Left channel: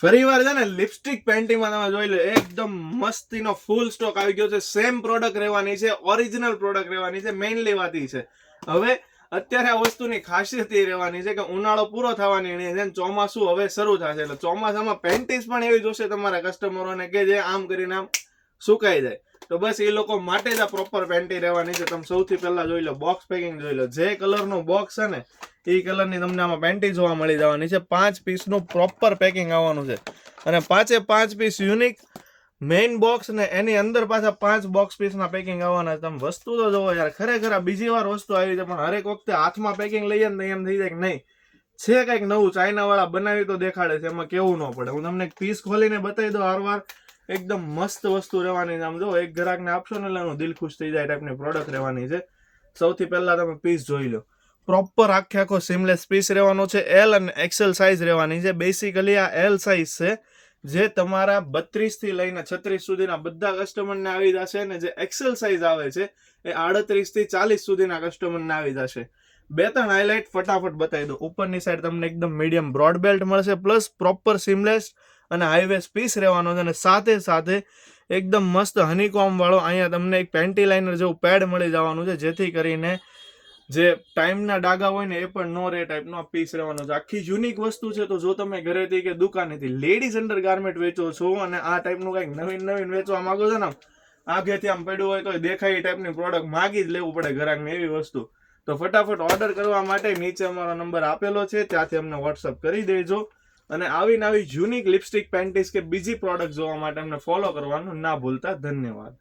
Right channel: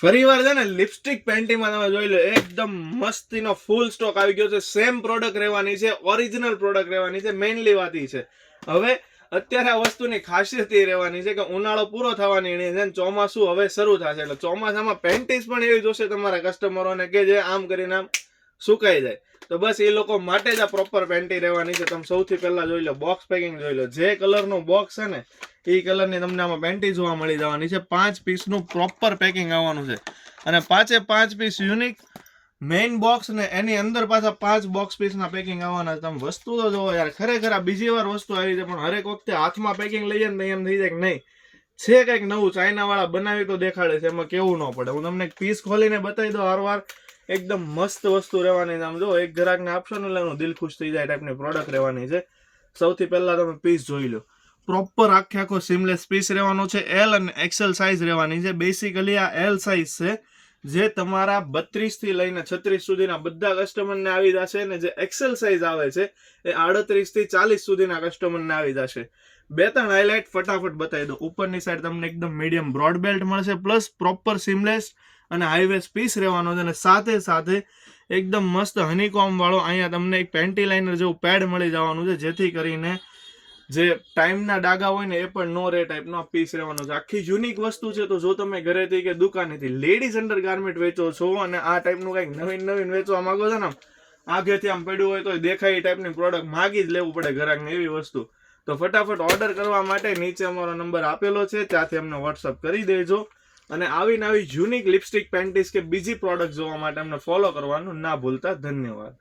ફરીવાર છે ને લિપસ્ટિક પેન્ટીમાં તમે જોઈ લો, એકદમ મસ્તીનો ફૂલ સ્ટોક આવી ગયો છે. સેમ પ્રોડક્ટ રહેવાની છે, ઓરિજિનલ પ્રોડક્ટ રહેવાની છે. મેઇનલી વાત એ છે, હવે અત્યારે આ વસ્તુની ખાસિયત એ રહેવાની છે કે ઉનાળો પૂરો થવાની છે, ચોમાસું હવે શરૂ થશે, એટલે ચોમાસામાં પેન્ટીસ પણ એવી જોશે તમારા કસ્ટમરોને કે જે આમ કરીને આમ સુકાઈ જાય. તો બસ એ લોકો માટે જ આ પ્રોપર પેન્ટી રહેવાની છે. તમે સૌથી પહેલા જોઈ લો, બોક્સ પેકિંગ જોઈ લો. જે કલરનું બોક્સ છે ને એ કલરની તમને આમાં પેન્ટી જોવા મળી જવાની છે. 5 પીસનું પ્રોપર પેકિંગ આવવાનું છે, અને 5 પીસ યુનિક મેઇન બોક્સ, ને એની અંદર પાછા 5 બોક્સ પીસના પેકિંગ આવવાના. તમે વસ્તુ તો જોવો યાર, ખરેખર આ બીજી વાર વસ્તુ આવી છે, પણ હરેક વખતે હાથમાં પેકિંગ લઈએ ને એમ થઈ જાય કે નહીં છે કંઈક નવું, ચાઇના વાળા બનાવી તો દેખાડે છે, એમાં કેવું ન પડે. હું તમને એક પીસ ખોલીને બતાવી દઉં હારવાર. એકદમ મસ્ત વસ્તુ રહેવાની. આમ જો એક ગ્રાહકને આપશો ને એટલે એનું દિલ ખુશ થઈ જાય ટાઈપની પ્રોડક્ટ રહેવાની છે. સૌથી પહેલા તમે પીસ જોઈ લો, પ્રોપર આખો સિમલેસ પીસ રહેવાનો છે. એલ અને એક્સેલ સાઇઝ રહેવાની છે. બેસિકલી આ એલ સાઇઝ છે, જે તમારા 32 થી લઈને 36 સુધીના બધા કસ્ટમરને આવી જશે, ને જે એક્સેલ સાઇઝ આવે છે એ 38 થી 40 સુધીના કસ્ટમરને આવી જશે. 2-3 હાઇલાઇટ ફટાફટ બતાવી દો. ઉપરની સાઈડ તમને એકદમ મીડિયમ બ્રોડ બેલ્ટ મળશે, પ્લસ પ્રોપર સિમલેસ અને હાઈવેસ પીસ રહેવાનો છે, અને સાથે સાથે એકદમ મસ્ત હનીકોમ વાળો અહીંયા તમને એક પેન્ટી લાઇનર જેવું પેડ મળી જવાનું છે, જેથી કરીને જે ટાઈમના ડાઘા હોય ને એ પણ નો રે ટાઈપનો પીસ રહેવાનો છે. આખી યુનિક વસ્તુ છે. તો જો તમે ઘરેથી કે દુકાનેથી લેડીઝ અંડર ગાર્મેન્ટ વેચો છો અને આ ટાઈપનું કંઈક નવીન વેચવા માંગો છો ને, આગેથી આમ પડ્યું હોય તો દેખાય એ ટાઈપની પ્રોડક્ટ માગી જ લેવું પડે ગ્રાહકને, એવી વસ્તુ. તો ફટાફટ ઓર્ડર કરવા માટે નીચે અમારો નંબર આપેલો છે, ત્યાંથી અમને વોટ્સઅપ કરી દેજો. અને આવી યુનિક લિપસ્ટિક પેન્ટીસ કે બીજી પ્રોડક્ટ જોવા માટે અમને ફોલો કરવાનું ના ભૂલતા. ધન્યવાદ.